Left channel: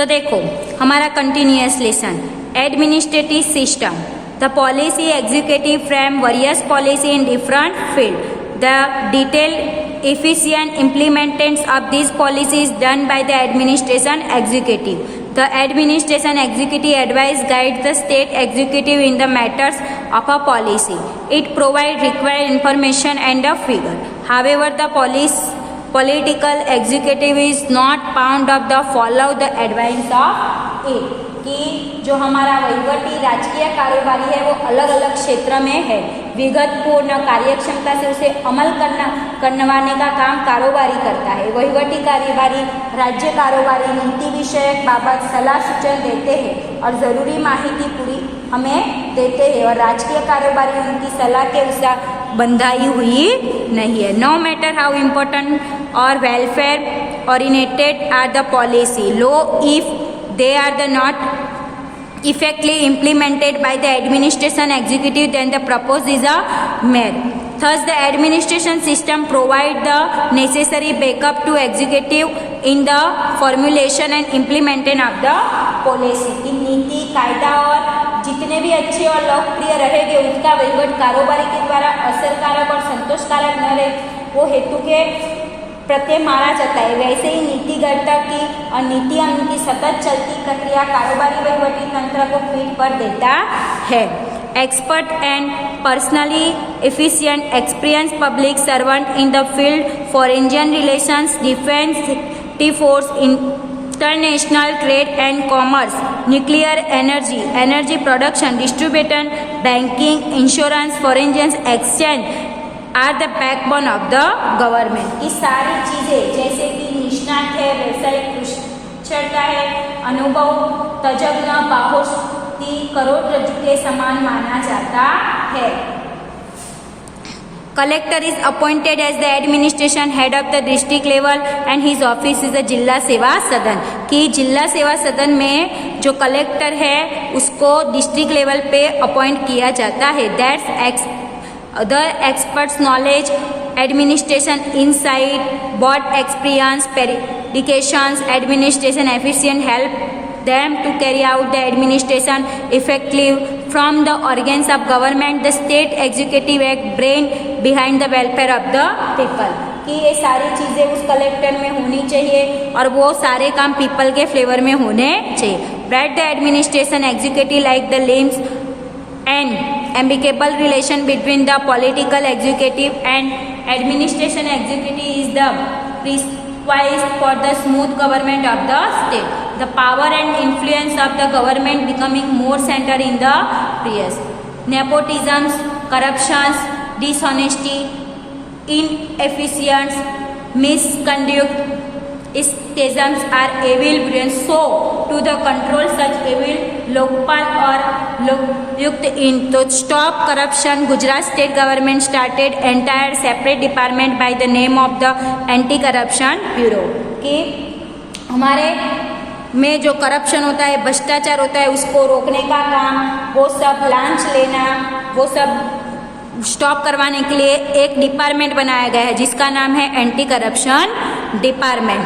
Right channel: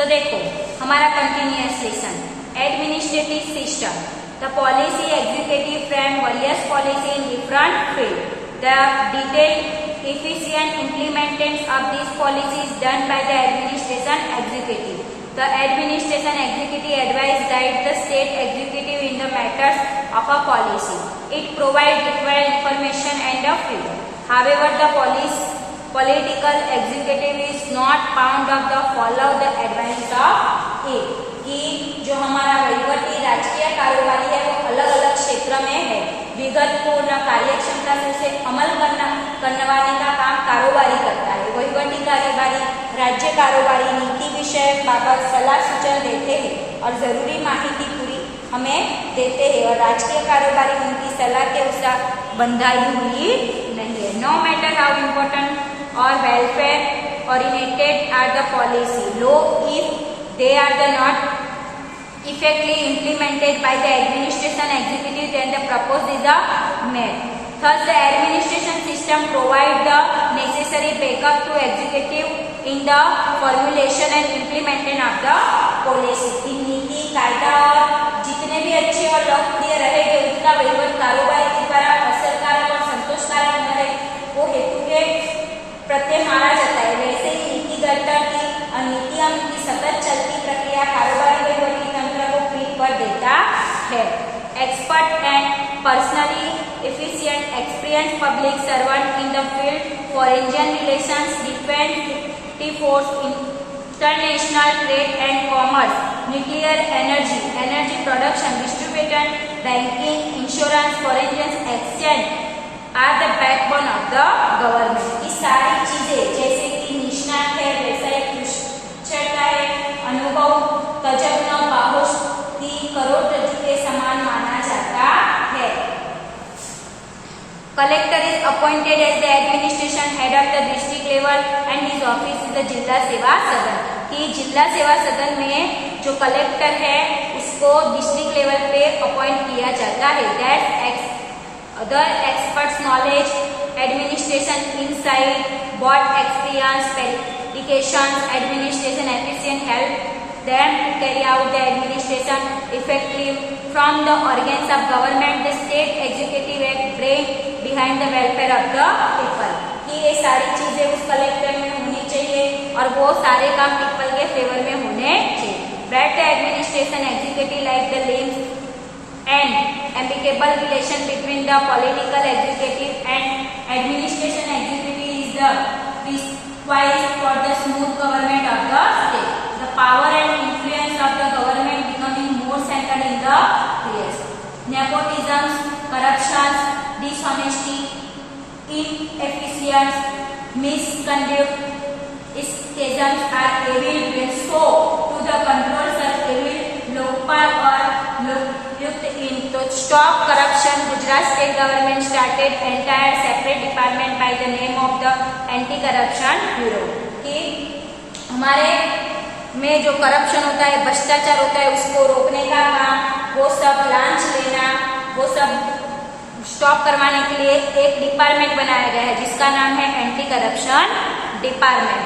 तो देखो हमारा continuous lesson, administrative system, the policy executive frame various policy in different field, the detail efficient implementations of these policies done by the administration executive. The administration executive advise guides the state executive in the matters of a policy. It provides required information and a figure. However, the political executive is not bound of the follow the advice of it. कि जो हमारा वहीवटी राजकीय कारोबारी है वो अलग अलग क्षेत्र में है, विगतपूर्ण कार्यक्षमता से उसे अमल करवाने का काम कारोबारी करता है। वहीवटी कार्यवाही राज्य कारोबारी नीति विषयक बाबत सलाह सूचन देते हैं और जरूरी माहिती पूरी हमें देते हैं और राजकीय कारोबारी उनकी सलाह के अनुसार बंधाई हुई नहीं है। नो मैटर हाउ इम्पोर्टेंट और welfare oriented are the policy लो if they are the not effectively implemented by the administration executive, then the proposed is a mere. Thus, the administration system provide the necessary backup to executive in the formulation and implementation of the policy. की नीति, कायदा और जितने भी अच्छे और लोकप्रिय रहेंगे उनका वहीवट कारोबारी के द्वारा असरकारक और संतोषकारक न रहे वो हेतु के प्रत्यय माना जाता है। वैसे ही नीतिगर्ता की और नीतियां उनकी सतत चलती प्रक्रिया कारोबारी वहीवटी तंत्र को फीड पर देता है। Expert and personally efficient experience public servant in the field foreign relations, defence force, international trade and commerce, nuclear energy, energy production, distribution, banking, insurance, foreign exchange are the backbone of the government. ये सारी चीजें जैसे कि निष्णात है, व्यवसायिक कुशलता है, अनुभव, तजज्ञ, बाहुश की करोड़रज्जु के समान माना जाता है। Collector is appointed as the administration head of the district level and his office is the Zila Seva सदन। कि जिला सेवा सदन में जो कलेक्टर है उसको डिस्ट्रिक्ट लेवल पे अपॉइंट किया जाता है। That's other experts knowledge, administration insight, board experience, dedications, administration efficient help them to carry out the administration effectively from the organs of government, the state executive act brain behind the welfare of the people। कि ये सारी चीजें उस collector में होनी चाहिए और वो सारे काम पीपल के फ्लेवर में होने चाहिए। Bright the administration executive like the limbs and amicable relation between the political executive and administration executive is the prerequisite for the smooth government of the state. The power and influence of the government becoming more centered in the previous. Nepotism, corruption, dishonesty, inefficiency, misconduct, schisms are evil brains. So, to the control such evil Lokpal और लोकयुक्त इन तो stop corruption Gujarat state government started entire separate department by the name of the anti corruption bureau. कि हमारे में जो corruption होता है, भ्रष्टाचार होता है, उसको रोकने का काम, वो सब लांच लेना, वो सब स्टॉप करवाने के लिए एक डिपार्टमेंट बनाया गया है जिसका नाम है anti corruption department.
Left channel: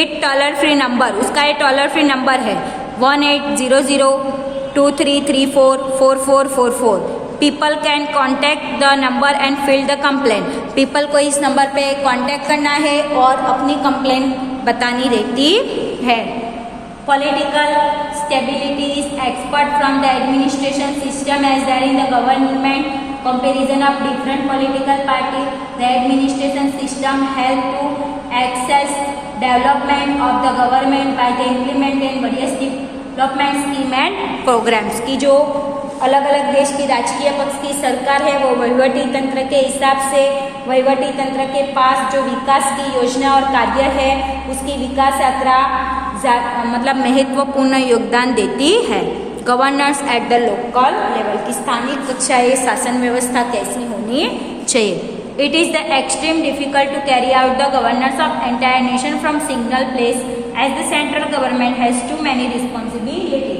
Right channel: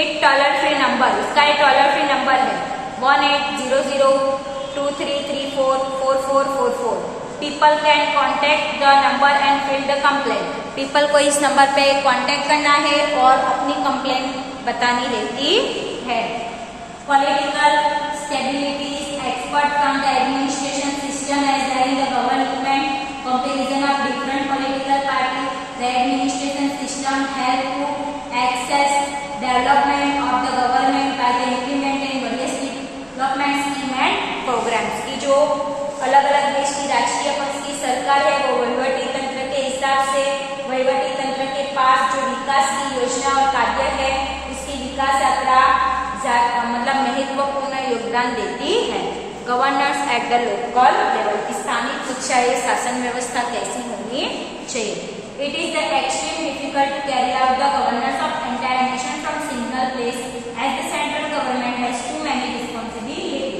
It toll free number, उसका एक टॉलर फ्री नंबर है 180023344444। People can contact the number and fill the complaint. People को इस नंबर पे कॉन्टेक्ट करना है और अपनी कंप्लेंट बतानी रहती है। Political stability expert from the administration system as there in the government comparison of different political parties, the administration system help to access development of the government by the implementing various development scheme and programs। की जो अलग अलग देश की राजकीय पक्ष की सरकार है वो वहीवटी तंत्र के हिसाब से वहीवटी तंत्र के पास जो विकास की योजना और कार्य है उसकी विकास यात्रा मतलब महत्वपूर्ण योगदान देती है। Governance at the local level की स्थानीय कक्षाएं शासन व्यवस्था कैसी होनी चाहिए। It is the extreme difficult to carry out the governance of entire nation from single place as the central government has too many responsibility.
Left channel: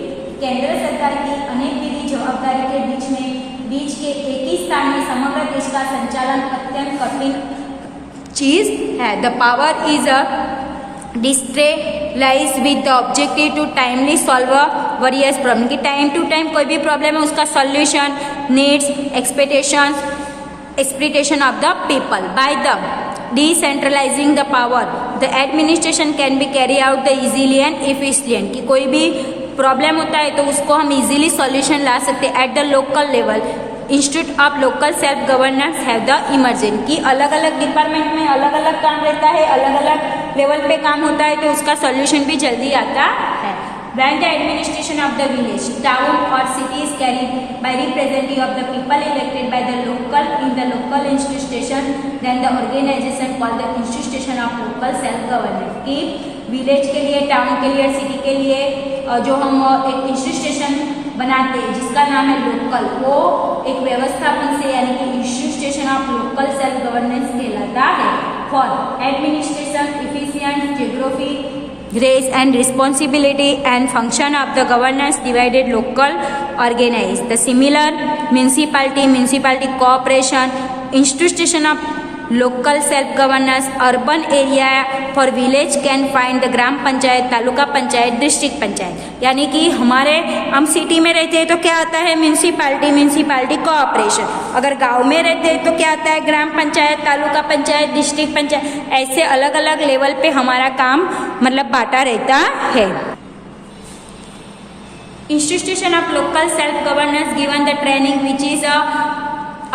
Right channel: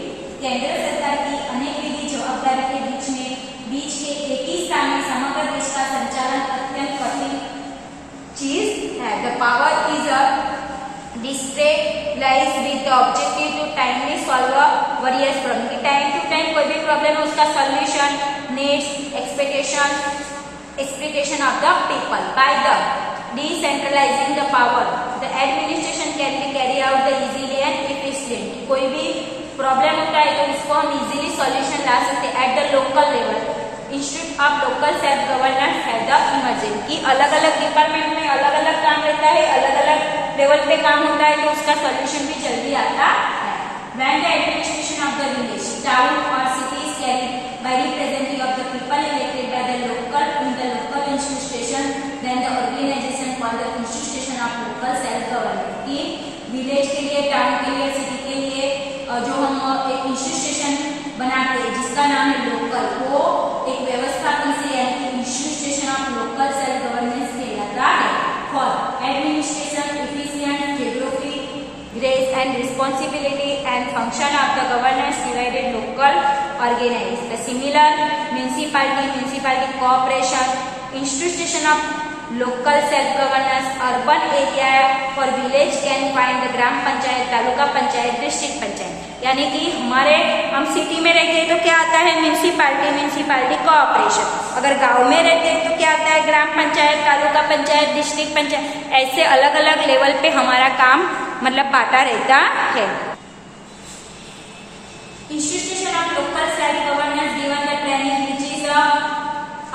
केंद्र सरकार की अनेक विधि जवाबदारी के बीच के एक ही स्थान में समग्र देश का संचालन अत्यंत कठिन चीज है। The power is a district lies with the objective to timely solve various problem, कि टाइम टू टाइम कोई भी प्रॉब्लम है उसका solution, needs, expectation of the people by the decentralizing the power the administration can be carry out the easily and efficient, कि कोई भी problem होता है तो उसको हम इजीली सॉल्यूशन ला सकते हैं eight the local level. Institute of local self governance have the emergent, कि अलग अलग डिपार्टमेंट में अलग अलग काम रहता है, अलग अलग लेवल पे काम होता है तो उसका सॉल्यूशन भी जल्दी आता है। When the administration of the village, town or city is carried by representative of the people elected by the local in the local institution, then the organization called the institution of local self governance, कि village के लिए, town के लिए, city के लिए जो हम एक इंस्टीट्यूशन बनाते हैं जिसका नाम है लोकल, वो एक व्यवस्थापन से यानी कि institution of local self governance कहलाता है। For administration efficient geography grace and responsibility and function of the governance divided local organized the similar municipality corporation institution of local self governance urban area for village can find the gram panchayat, taluka panchayat, district panchayat, यानी कि हमारे हम city में रहते हैं तो क्या आता है म्यूनिसिपालिटी कोऑपरेशन, अगर गांव में रहते हैं तो क्या आता है ग्राम पंचायत, तालुका पंचायत, डिस्ट्रिक्ट पंचायत, ऐसे अलग अलग लेवल पे हमारा काम मतलब बांटा रहता है। Institution of local self governance given the training which is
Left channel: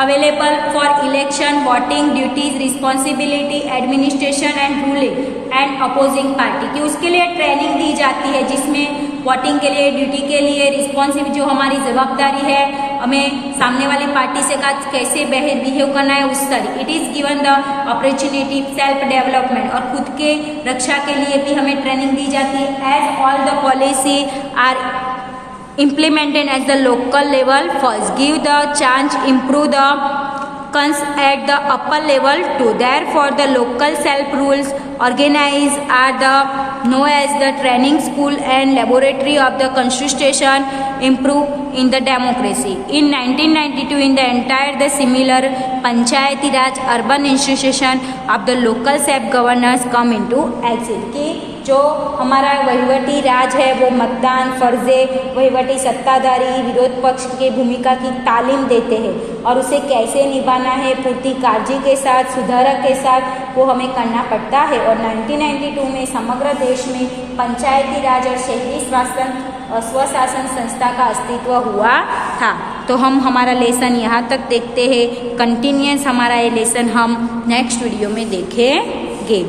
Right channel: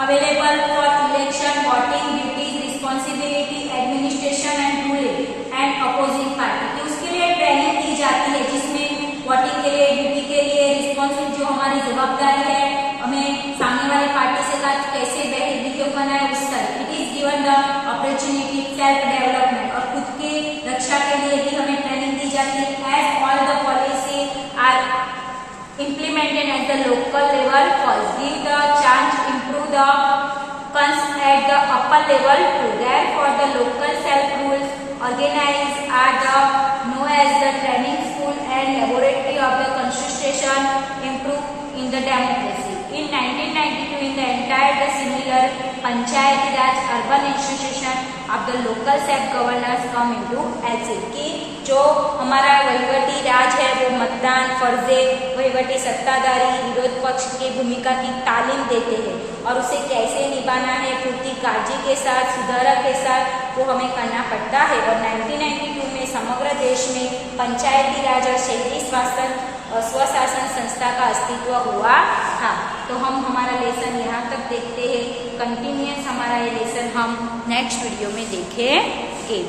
available for election, voting, duties, responsibility, administration and ruling and opposing party, कि उसके लिए ट्रेनिंग दी जाती है जिसमें वोटिंग के लिए, ड्यूटी के लिए, रिस्पॉन्सिबिलिटी जो हमारी जवाबदारी है, हमें सामने वाली पार्टी से कैसे बिहेव करना है उस तरह। It is given the opportunity self development, और खुद के रक्षा के लिए भी हमें ट्रेनिंग दी जाती है। As all the policy are implemented at the local level first give the chance improve the cons at the upper level too, therefore the local self rules organized are the known as the training school and laboratory of the constitution improve in the democracy. In 1992 in the entire the similar panchayati raj urban institution of the local self governance come into action, कि जो हमारा वहीवटी राज है वो मतदान, फर्जे, वहीवटी सत्ताधारी, विरोध पक्ष की भूमिका की तालीम देते हैं और उसे कैसे निभाना है पूरी काळजी के साथ, सुधारक के साथ वो हमें करना पड़ता है। और 1992 में समग्र देश में पंचायती राज और शहरी स्वशासन संस्था का अस्तित्व हुआ था। तो हम हमारा लेसन यहाँ तक देखते हैं, कंटिन्यूअस हमारा ये लेसन हम नेक्स्ट वीडियो में देखेंगे।